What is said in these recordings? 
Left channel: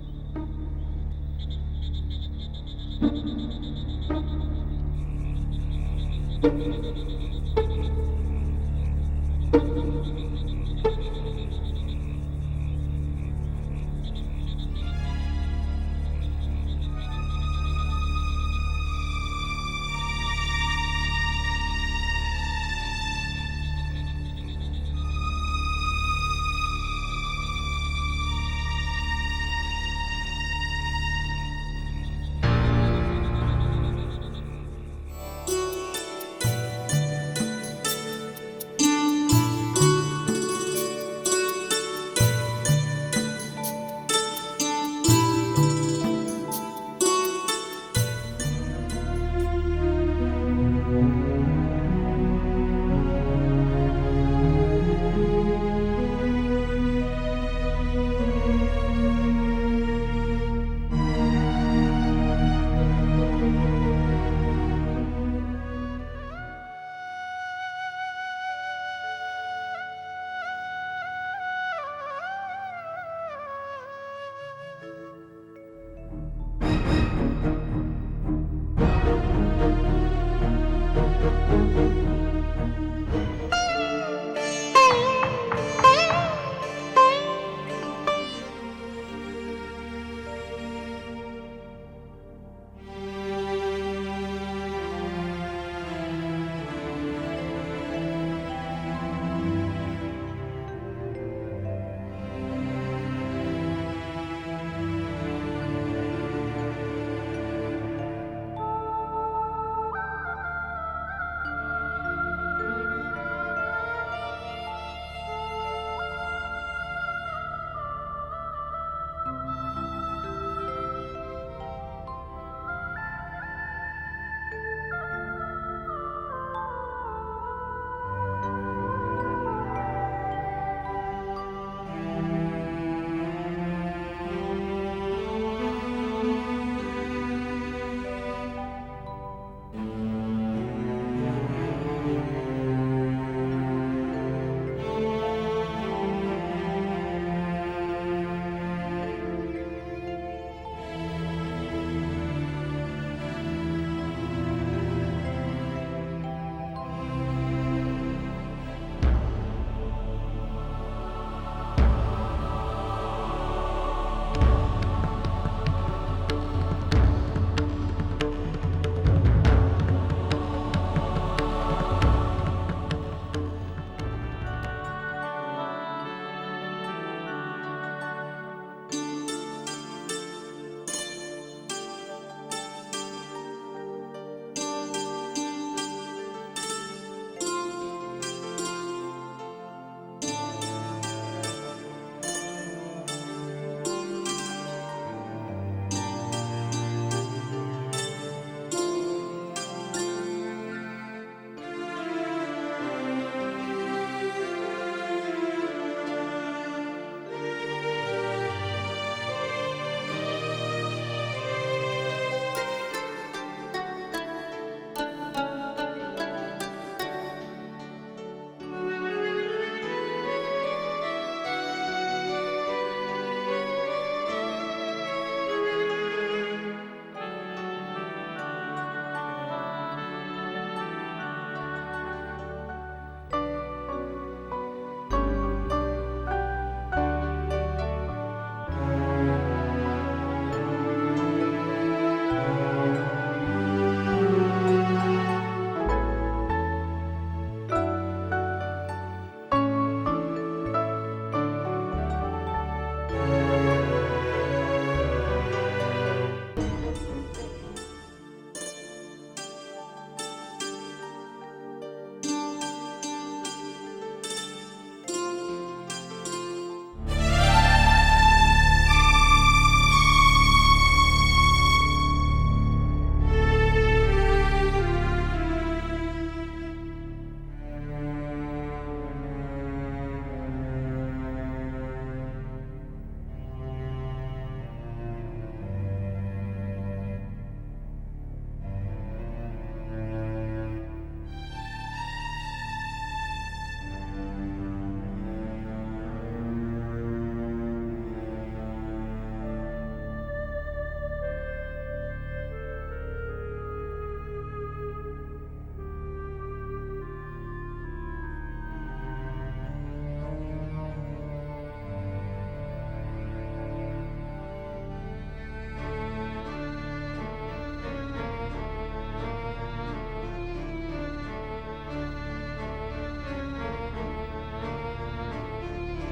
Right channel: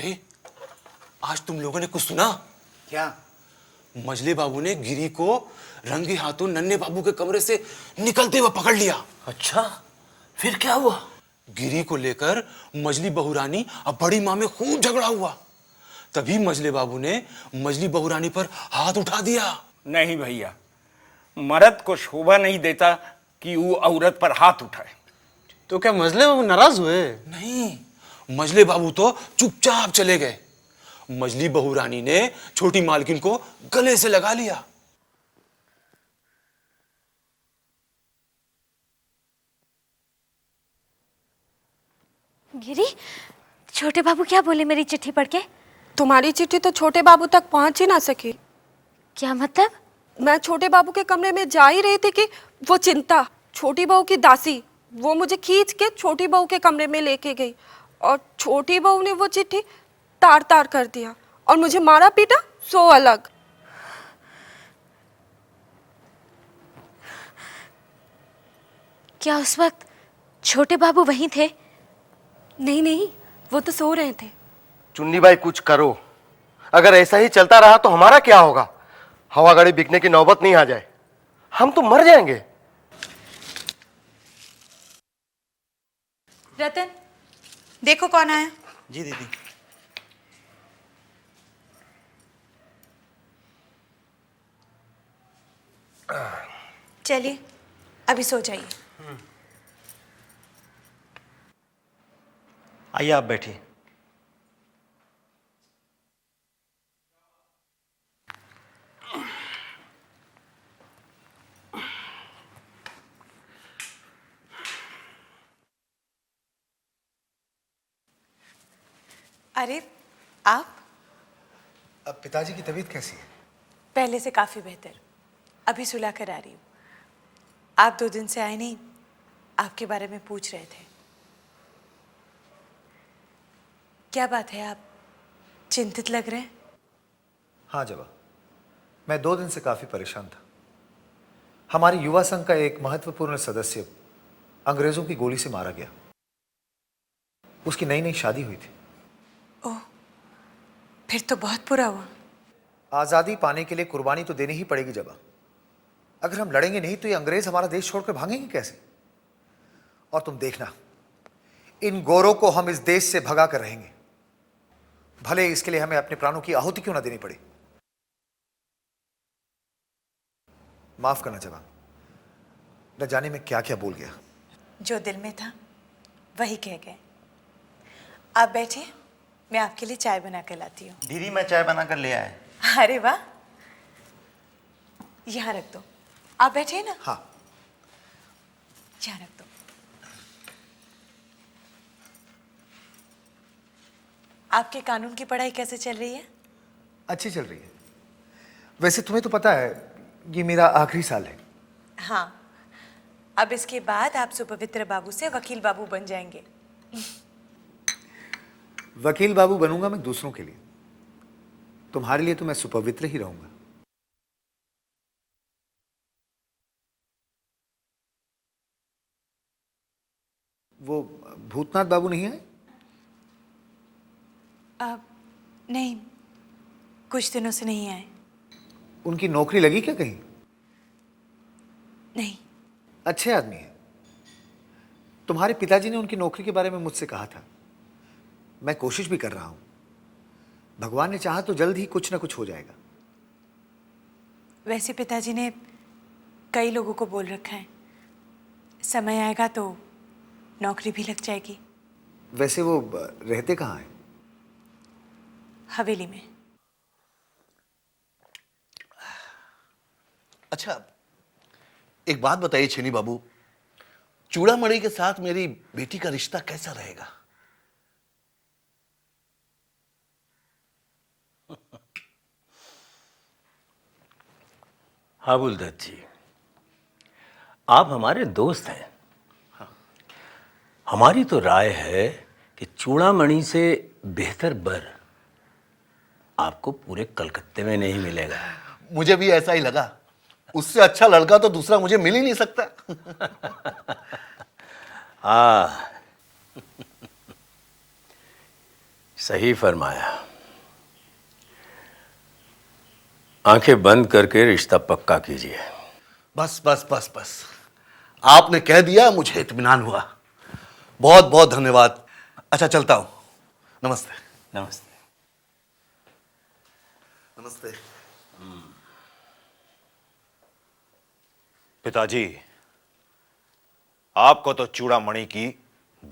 अरे आज तुम लोगों ने कुछ सुना क्या? मजले बाबू ने गिरी को रंगे हाथों नन्हे बाबू के कमरे से निकलते हुए पकड़ लिया। अच्छा, फिर क्या हुआ? गिरी को लेकर मजली बहुरानी और बड़ी माँ में खूब झगड़ा हुआ। तभी मजले बाबू ने मजली बहुरानी पर हाथ उठा दिया। नहीं भैया, मर्द को शोभा नहीं देता कि वो औरत पर हाथ उठाए। तो क्या मजले बाबू नाराज हुए? नहीं, मजले बाबू तो चुपचाप चले गए। मजली बहुरानी ने छोटी मालकिन को गले से लगा लिया। गिरी, छोटे बाबू क्या बोले मेरी चिट्ठी पढ़ के? तुम्हारी चिट्ठी तो छोटे बाबू तक पहुंच ही ना सकी। क्या मतलब? मैं छोटे बाबू के कमरे में जा ही रही थी कि वो चिंता, छोटी बहू की दासी, वो मुझे खींच के छोटी बहू के कमरे में लेके गई और छोटी बहू ने वो चिट्ठी तार तार कर दिया और मुझे मारा पीटा सो अलग। क्या उस वक्त छोटे बाबू वहीं थे? नहीं नहीं, वो तो सो रहे थे। चुन्नी बाई कुछ करो, अगर ऐसा ही चलता रहा तो हमारा क्या होगा? हवा गाड़ी बिकने की नौबत नहीं आ जाए, हम तो मर जाएंगे। रतन, देखो कौन आया। जी दीदी। चलिए अभी सो जाइए। आइए आप बैठिए। अरे आप? अब पिताजी की तबीयत कैसी है? पहले से काफी बेहतर, अभी सुला कर आ रही हूँ। आप 2 दिन से आए नहीं, आपके बारे में पूछ रहे थे। क्या बात है, आप चिंतित लग रहे हैं? हाँ जी, मैं 2 दिन से काफी परेशान था। हमारी युवा संघ का एक महत्वपूर्ण सदस्य अंग्रेजों की गोली से मारा गया। उसकी नई नई शादी हुई थी। फिर तो बहुत बुरा हुआ। आजादी पाने के लिए कुर्बानी तो देनी ही पड़ेगी जनाब। अगर हम लड़ेंगे नहीं तो ये अंग्रेज हमारा देश छोड़कर भागेंगे कैसे? और तुम देखना, इन गोरों को हम इस देश से भगा कर रहेंगे, भले इसके लिए हमें अपने प्राणों की आहुति क्यों ना देनी पड़े। माफ करना चाहूंगा, न जाने में क्या क्या बोल गया। जो दिल में था वही कह गए। आप बैठिए, मैं आपके लिए चाय बना कर लाती हूँ। दीदी मैं चाय बना कर ले आया। अरे वाह, यहाँ रख दो। आप बैठिए ना। हाँ। यहाँ रख दो। आपके कानून की पढ़ाई कैसे चल रही है? अच्छी चल रही है। वैसे तुम्हें तो पता है ये मेरा आखिरी साल है। हाँ, अब इसके बाद आप सुपवित्र बाबू से वकील बाबू बन जाएंगे। वकील बाबू बनूंगा मैं दूसरों के लिए, तुम्हारे लिए तो मैं सुपवित्र ही रहूंगा। वो भूतनाथ बाबू नहीं है? नहीं, कुछ दिनों से नहीं आए। उनकी नौकरी लगी क्या कहीं? नहीं। अच्छे आदमी है। तुम्हारे पिताजी ने उनकी नौकरी के बारे में मुझसे कहा था। मैं कोशिश भी कर रहा हूं, भगवान ने चाहा तो जल्द ही कुछ ना कुछ हो जाएगा। वैसे पिताजी ने कई लोगों को बोल रखा है, समय आएगा तो नौकरी भी लग जाएगी। वैसे वो रहते कहाँ हैं? हवेली में। अच्छा, एक बात बताइए छेनी बाबू, चूड़ामणि के साथ मेरी बेटी का रिश्ता कैसा रहेगा? अबुलदत्त जी, आप हमारे दोस्त हैं। हमारी तो राय है कि चूड़ामणि से बेहतर बर आपको पूरे कलकत्ते में नहीं मिलेगा। मुझे भी ऐसा ही लगा। उससे अच्छा लड़का तो दूसरा मुझे मिल ही नहीं सकता। सही फरमाया। आंखें बंद करके रिश्ता पक्का कीजिए। बस बस बस बस, आपने कह दिया, मुझे इत्मीनान हुआ। बहुत बहुत धन्यवाद। अच्छा चलता हूं। नमस्ते। नमस्ते। नमस्ते। पिताजी, आपको तो चूड़ामणि की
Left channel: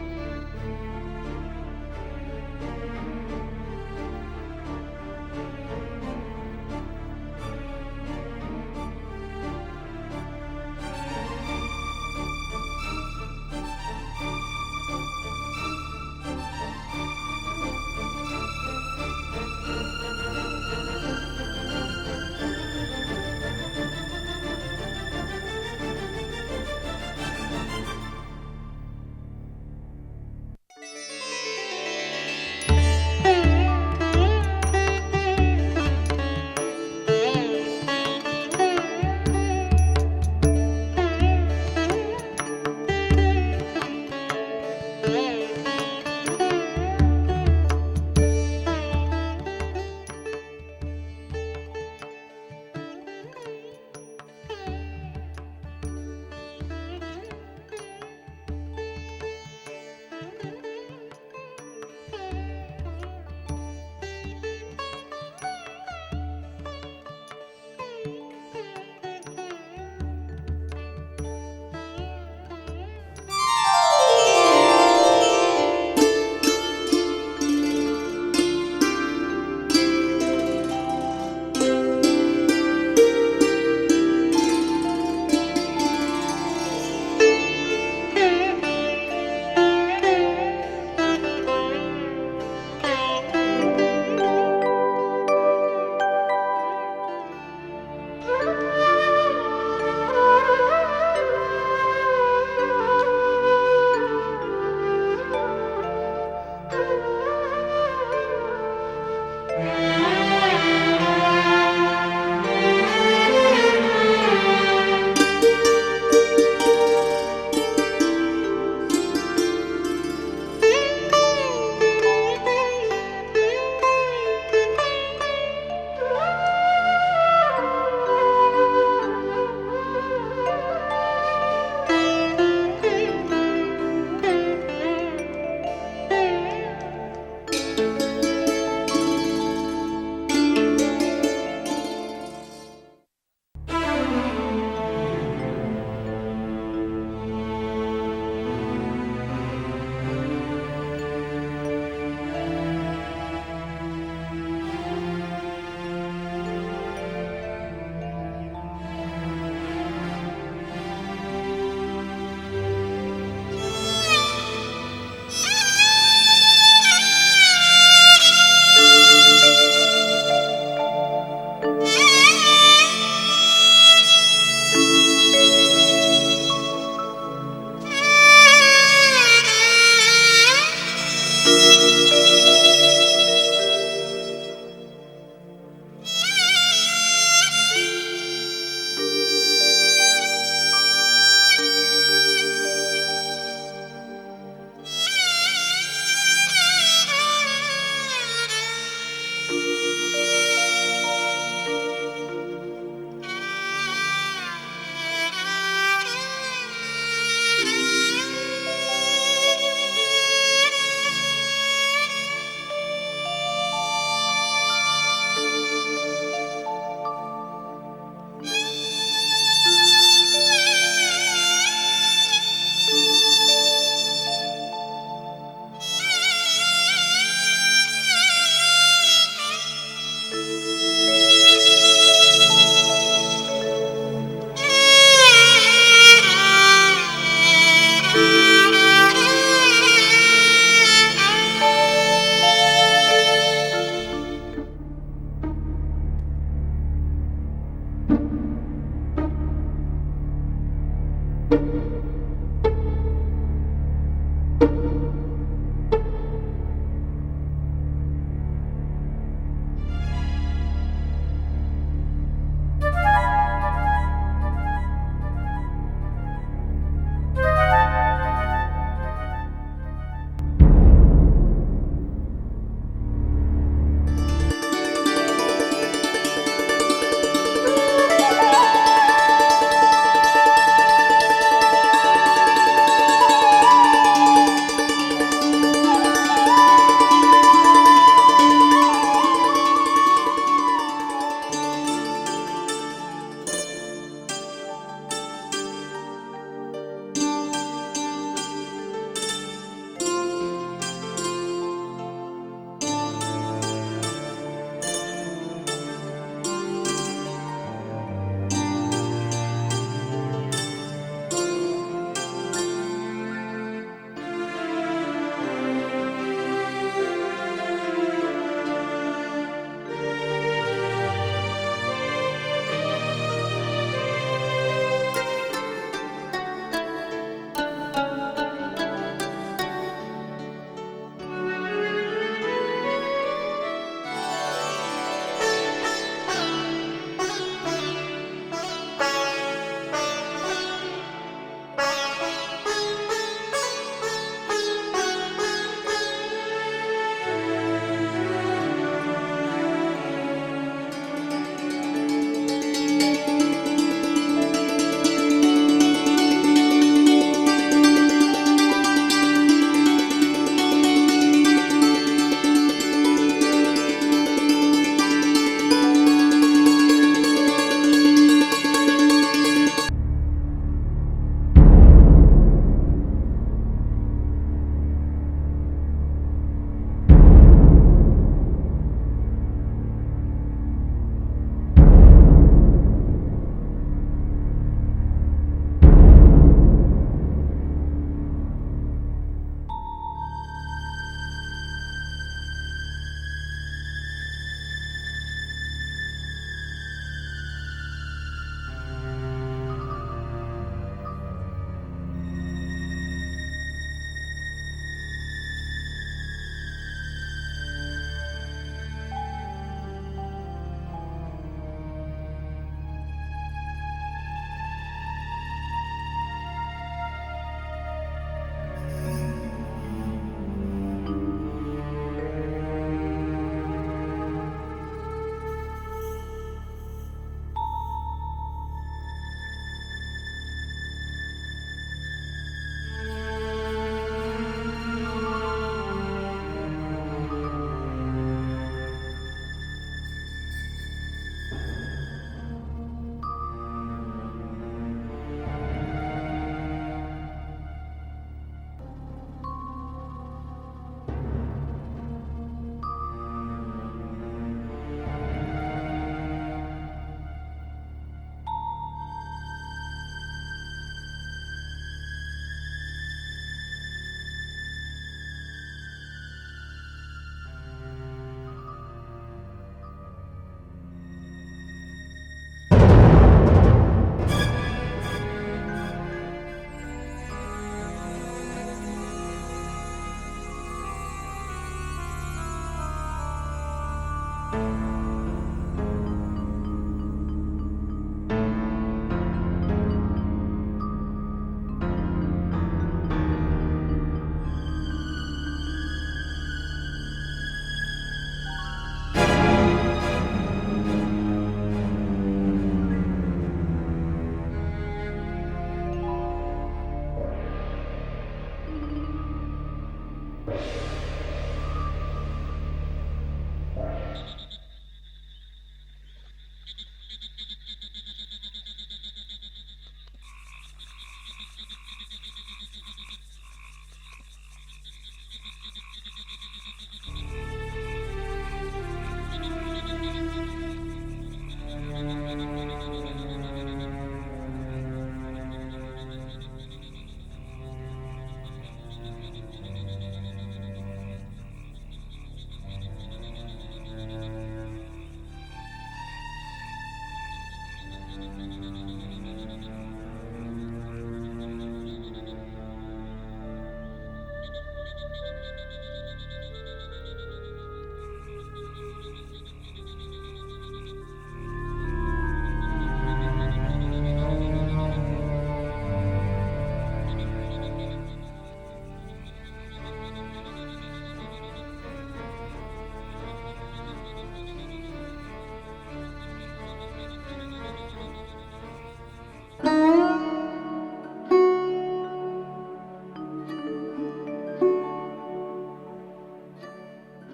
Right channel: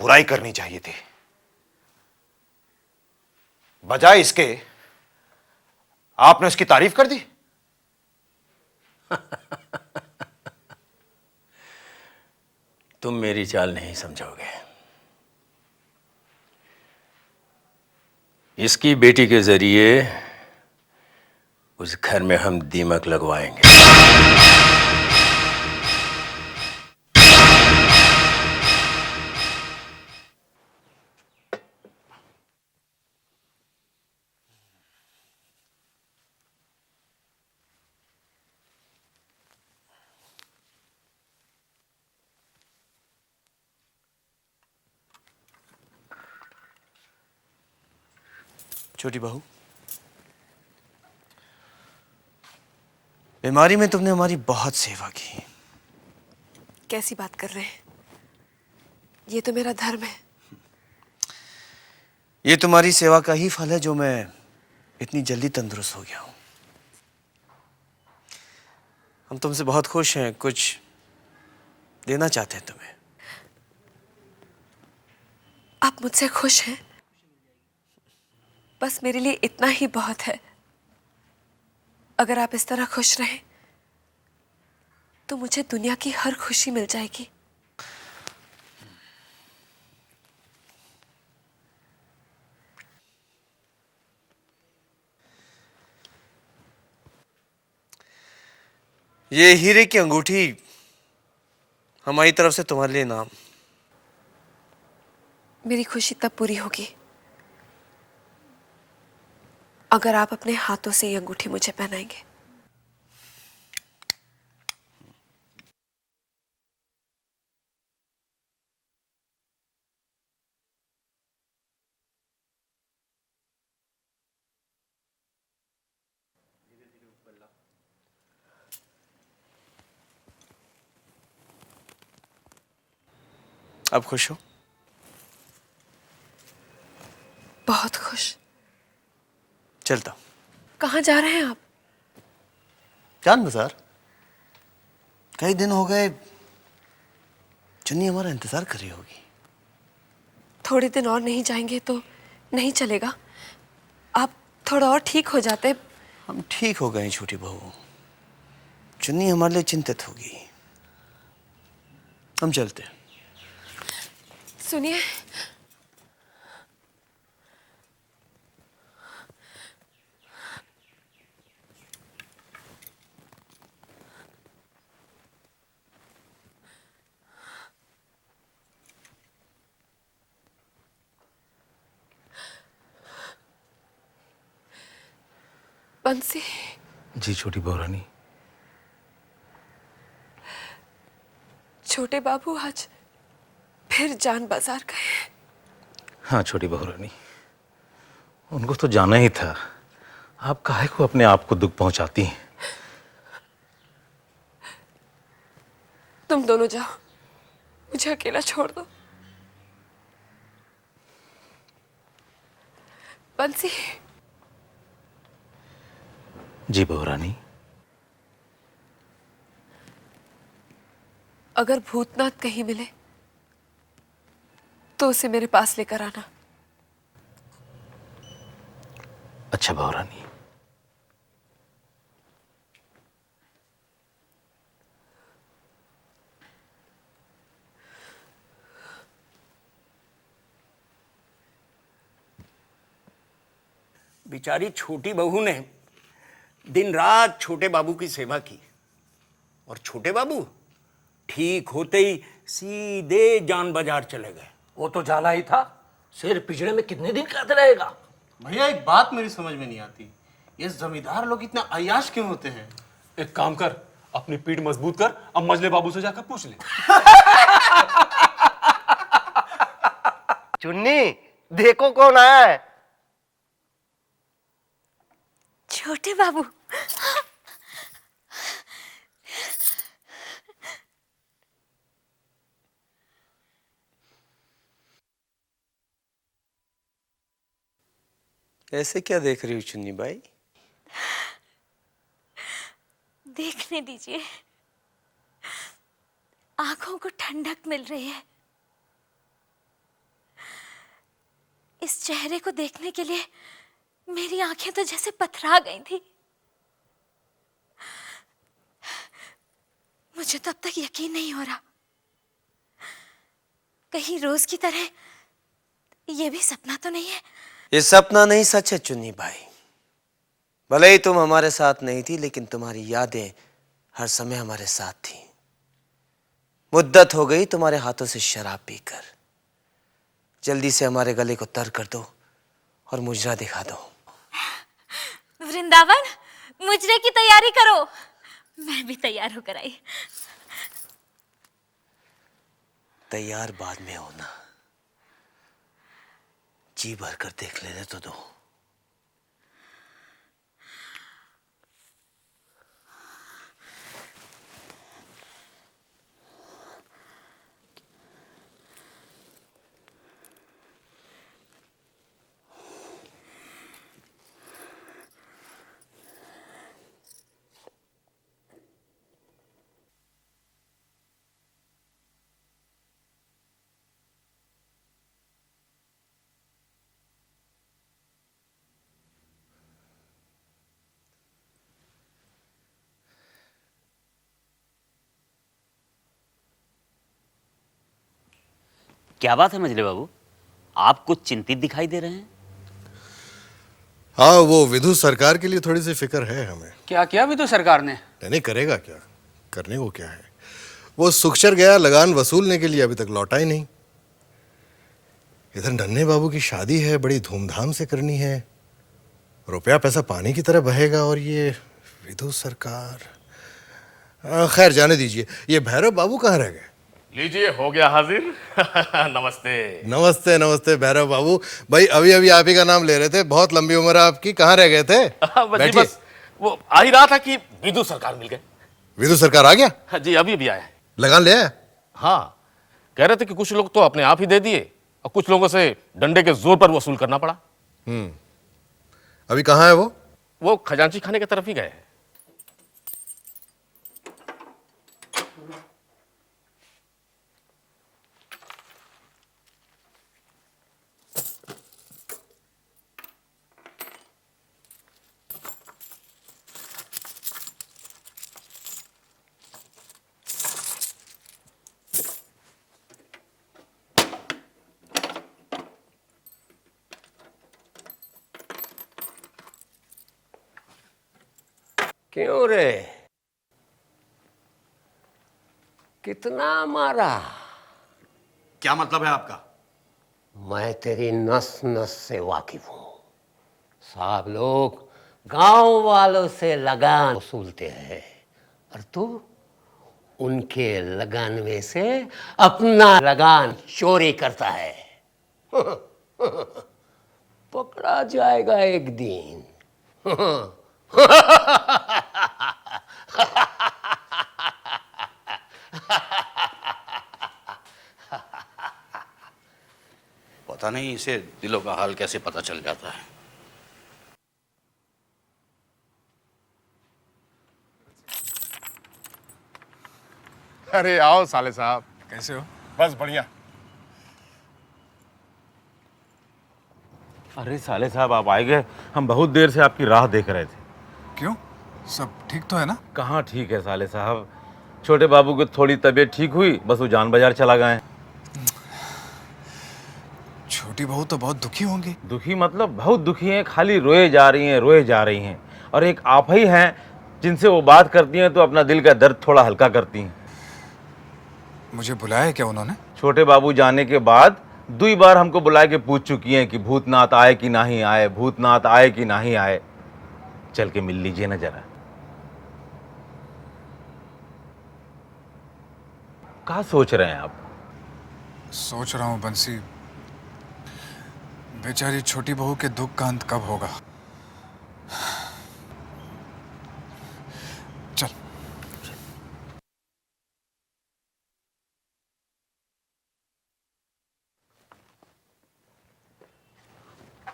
बुराई करनी चाहिए थी। बजाय इसके आपने उसकी तारीफ कर दी। तुम मेरी चाल नहीं समझोगे। इसकी बेटी के जरिए उस घर में हम दीमक लगवाएंगे। छोटी बहू, बीमारी में तुमने हमारी बहुत सेवा की। कैसी बात कर रहे हैं? ये तो मेरा धर्म है। ये तुम्हारी सेवा का ही फल है जो मैं इतनी जल्दी तंदुरुस्त हो गया हूं। हम तुमसे बहुत खुश हैं, कुछ देना चाहते हैं तुम्हें। आप मुझसे खुश हैं? बस मेरे लिए इतना ही बहुत है। अगर आप इस तरह खुश रहें तो मुझे दुनिया की हर खुशी मिल जाएगी। ये हीरे की अंगूठी हमारी तरफ से तुम्हारे लिए नाम। मेरी खुशी तब पूरी होगी अगर आप अपने हाथों से ये अंगूठी मुझे पहनाएंगे। अब खुश हो? बहुत खुश। चलता हूं। कहाँ जा रहे हैं आप? चांद बाजार। कई दिन हो गए, चुन्नी हमारा इंतजार कर रही होगी। थोड़े दिन और नहीं जाएंगे तो नहीं चलेगा। आप थोड़ा और ठीक हो जाते। हम ठीक हो गए छोटी बहू। चुन्नी हमारे लिए चिंतित हो गई। हम चलते हैं। सुनिए, बंसी। जी छोटी बहू। छोटे बाबू आज फिर जान बाजार गए। हाँ छोटी बहू, उनको तो जाना ही था। आप काहे को अपने आप को दुख पहुंचाती हैं? तुम दोनों जाओ, मुझे अकेला छोड़ दो। बंसी। जी बहू रानी। अगर भूतनाथ कहीं मिले तो उसे मेरे पास लेकर आना। अच्छा बहू रानी। बेचारी छोटी बहू ने दिन रात छोटे बाबू की सेवा की और छोटे बाबू ठीक होते ही सीधे जान बाजार चले गए। वो तो जाना ही था। सिर पिछड़े में कितने दिन खाते रहेगा? भैया एक बात मेरी समझ में नहीं आती, ये जमींदार लोग इतना अय्याश क्यों होते हैं? एक काम कर, अपनी पीठ मजबूत कर, अब मजले बाबू से जाकर पूछ ले। चुन्नी, देखो कौन आया है। चेहरे को देखने के लिए मेरी आंखें तो जैसे पथरा गई थी। मुझे तब तक यकीन नहीं हो रहा, कहीं रोज की तरह ये भी सपना तो नहीं है। ये सपना नहीं, सच है चुन्नी भाई। भले ही तुम हमारे साथ नहीं थी, लेकिन तुम्हारी यादें हर समय हमारे साथ थी। मुद्दत हो गई तुम्हारे हाथों से शराब पीकर। जल्दी से हमारे गले को तर कर दो और मुजरा दिखा दो। वृंदावन, मुजरे की तैयारी करो। मैं भी तैयारी कराई। तैयार बाद में होगा, जी भर कर देख लेना तुम। क्या बात है मजले बाबू, आप कुछ चिंतित दिखाई दे रहे हैं? हाँ, वो विधु सरकार के लिए थोड़ी सी फिक्र है हमें। क्या किया विधु सरकार ने? नहीं करेगा क्या, करने को क्या है। वो सुखचर गया लगान वसूलने के लिए, अभी तक लौटा ही नहीं। इधर नन्हे बाबू की शादी है, बड़ी धूमधाम से करनी है, रुपया पैसा पानी की तरह बहेगा, और ये विधु सरकार। खैर जाने दीजिए। ये भैरव बाबू कहाँ रह गए? लीजिए, हो गया हाजिर। नमस्ते। नमस्ते नमस्ते भैरव बाबू। भाई अभी अभी आप ही का नाम ले रहे थे, बहुत लंबी उम्र है आपकी, कहाँ रह गए थे? बैठिए। बस वो आ ही रहा था कि विधु सरकार मिल गए। विधु सरकार आ गया? हाँ जी, अभी अभी आया। लगान ले आया? हाँ, कह रहे थे कि कुछ लोग तो अपने आप ही दे दिए और कुछ लोगों से डंडे के जोर पर वसूल करना पड़ा। अभी कहाँ है वो? वो खजांची खाने की तरफ ही गए। क्यों रे, कितना मारा? क्या मतलब है आपका? मैं तेरी नस नस से वाकिफ हूँ। सब लोग गांव वालों से लगान वसूलते हैं और तू उनके लगान में से अपना लगान चोरी करता है। पकड़ा जाएगा एक दिन। पता नहीं इसे दिलों का हाल कैसे पता चल जाता है। अरे आओ साले साहब, कैसे हो? बस बढ़िया। अरे साले साहब, आप आए गए, हम बहुत देर से आपकी राह देख रहे थे। क्यों, सब ठीक तो है ना? कहाँ ठीक है साले साहब, छोटे बाबू की थोड़ी तबीयत ठीक हुई, बस वो जान बाजार चला गए। छोटी बहू तो बहुत दुखी होंगी। दुखी मतलब बहुत दुखी हैं, खाली रोए जा रही हैं, रोए जा रही हैं। और एक आप ही हैं जिनसे वो बात करती हैं तो अपना दिल का दर्द थोड़ा हल्का करती हैं। मुझे बुलाया क्या उन्होंने? छोटे बाबू जाने के बाद 2 बार हमको बुला के पूछ चुकी हैं कि भूतनाथ आए कि नहीं आए, भूतनाथ आए कि नहीं आए। चल के मिल लीजिए ना जरा। क्या सोच रहे हैं आप? सोच रहा हूँ बंसी, बेचारी छोटी बहू के दुख का अंत कब होगा। चल।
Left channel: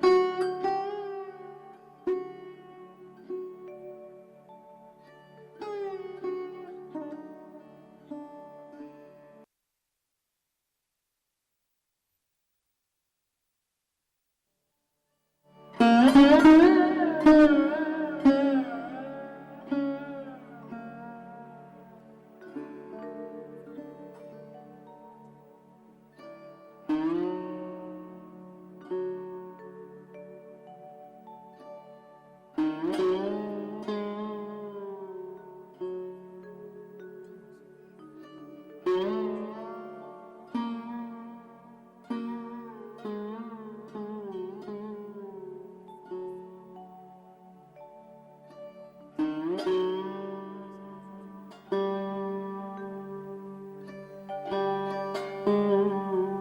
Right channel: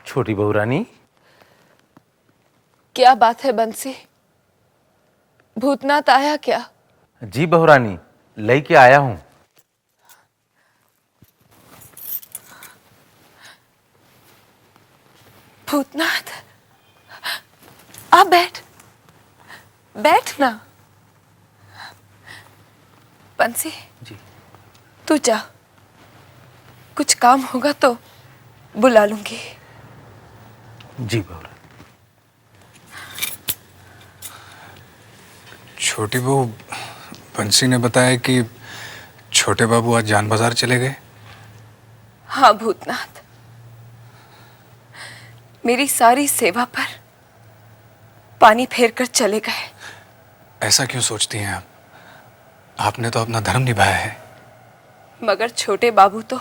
छोटी बहू रानी, क्या बात है बंसी? भूतनाथ आया क्या? जी बहू रानी, लेके आया हूं। भूतनाथ, आप बैठ ना। बंसी जी, तू जा, कुछ काम होगा तो बुला लूंगी। जी बाबा। छोटी बहू, बंसी ने बताया कि छोटे बाबू आज जान बाजार चले गए। हाँ भूतनाथ, मेरी सारी सेवा पर पानी फेर कर चले गए। ऐसा क्यों सोचती हैं आप? आपने तो अपना धर्म निभाया है। मगर छोटे बाबू तो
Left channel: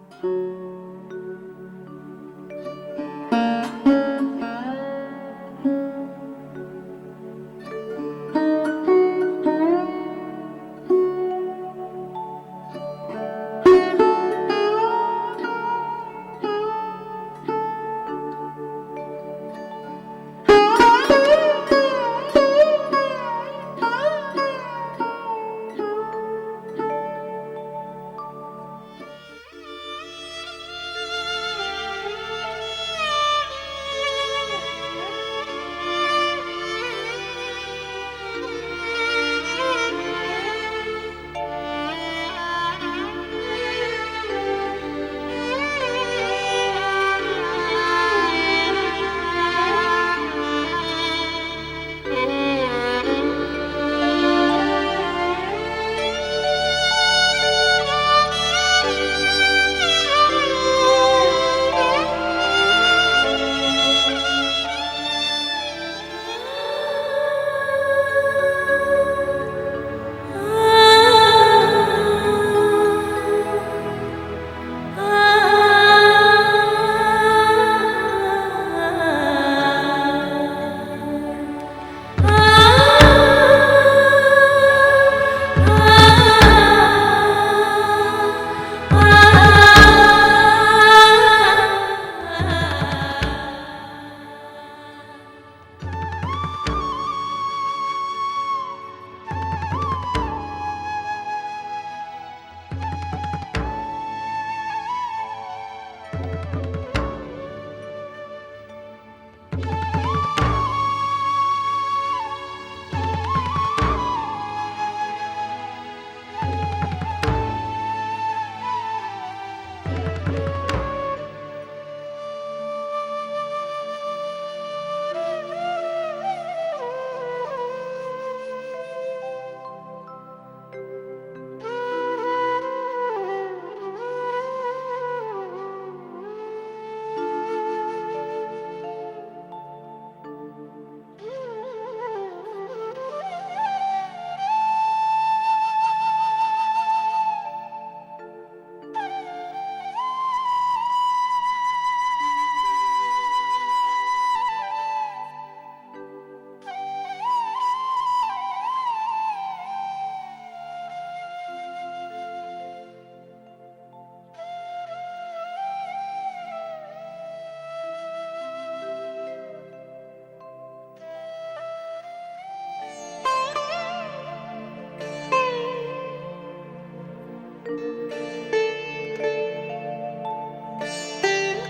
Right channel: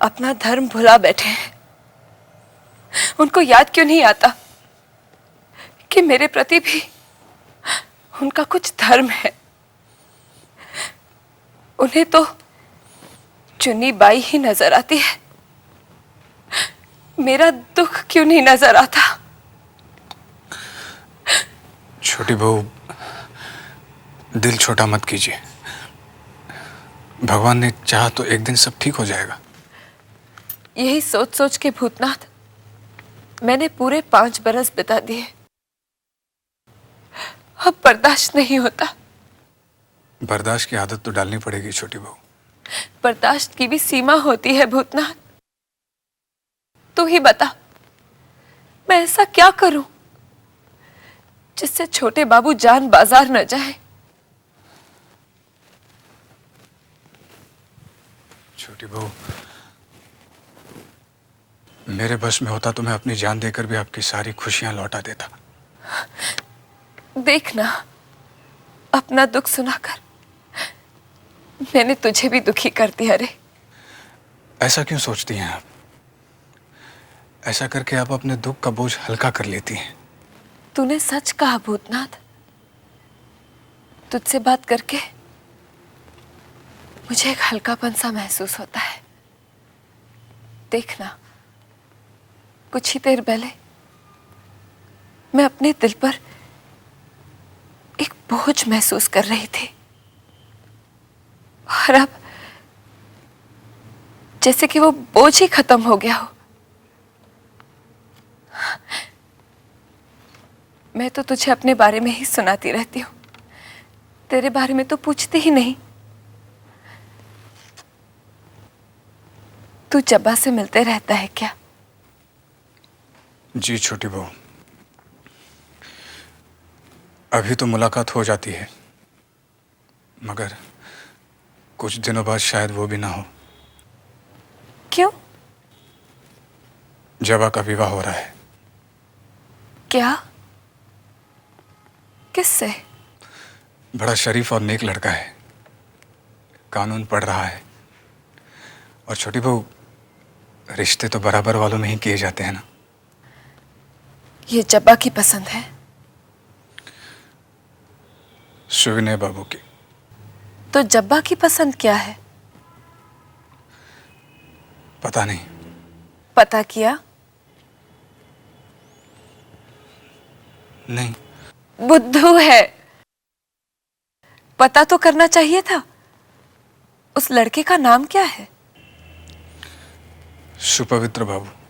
अपना धर्म भुला बैठे हैं। उनको याद क्यों नहीं आता कि मेरे प्रति भी उनका कुछ धर्म है। उन्हें तो चुन्नी बाई ही नजर आती है। मेरा दुख क्यों नहीं नजर आता? छोटी बहू, दिल छोटा मत कीजिए। भगवान ने चाहा तो एक दिन सब ठीक हो जाएगा। यही सोच सोच के भूतनाथ मैंने पूरे 5 बरस बिता दिए। अब बर्दाश्त नहीं होता। बर्दाश्त की आदत तो डालनी पड़ेगी छोटी बहू। बर्दाश्त की भी सीमा होती है भूतनाथ। तू ही बता, मैं ऐसा क्या करूं जिससे छोटे बाबू जान बाजार न जाए। मेरे बस में होता तो मैं अपनी जान देकर भी आपकी सारी खुशियां लौटा देता। देखना, अपना दुख सुनाकर मैंने तुझे भी दुखी कर दिया रे। ऐसा क्यों सोचती हैं? ऐसा करके आप अपने दुख का बोझ हल्का कर लेती हैं। तूने सच कहा भूतनाथ। तुझसे बात करके मुझे एक हल्कापन सा महसूस होता है। देख, कुछ ही देर पहले मैं अपने दिल पर एक बोझ महसूस कर रही थी, और अब जैसे कि वो बोझ ही खत्म हो गया हो। मैं तो तुझे अपने बारे में ही सुनाती रहती हूँ, तेरे बारे में तो पूछती ही नहीं। तू जब्बा से मिलते रहता है क्या? जी छोटी बहू, अभी तो मुलाकात हो जाती है, मगर कुछ दिनों बाद शायद वो भी ना हो। क्यों? जबा का विवाह हो रहा है। क्या? किससे? बड़ा शरीफ और नेक लड़का है, कानून पढ़ रहा है। और छोटी बहू, रिश्ते तो बराबर वालों में ही किए जाते हैं ना। ये जब्बा की पसंद है? सुविनय बाबू की। तो जब्बा की पसंद क्या है? पता नहीं। पता किया? नहीं। बुद्धू है, पता तो करना चाहिए था। उस लड़के का नाम क्या है? सुपवित्र बाबू।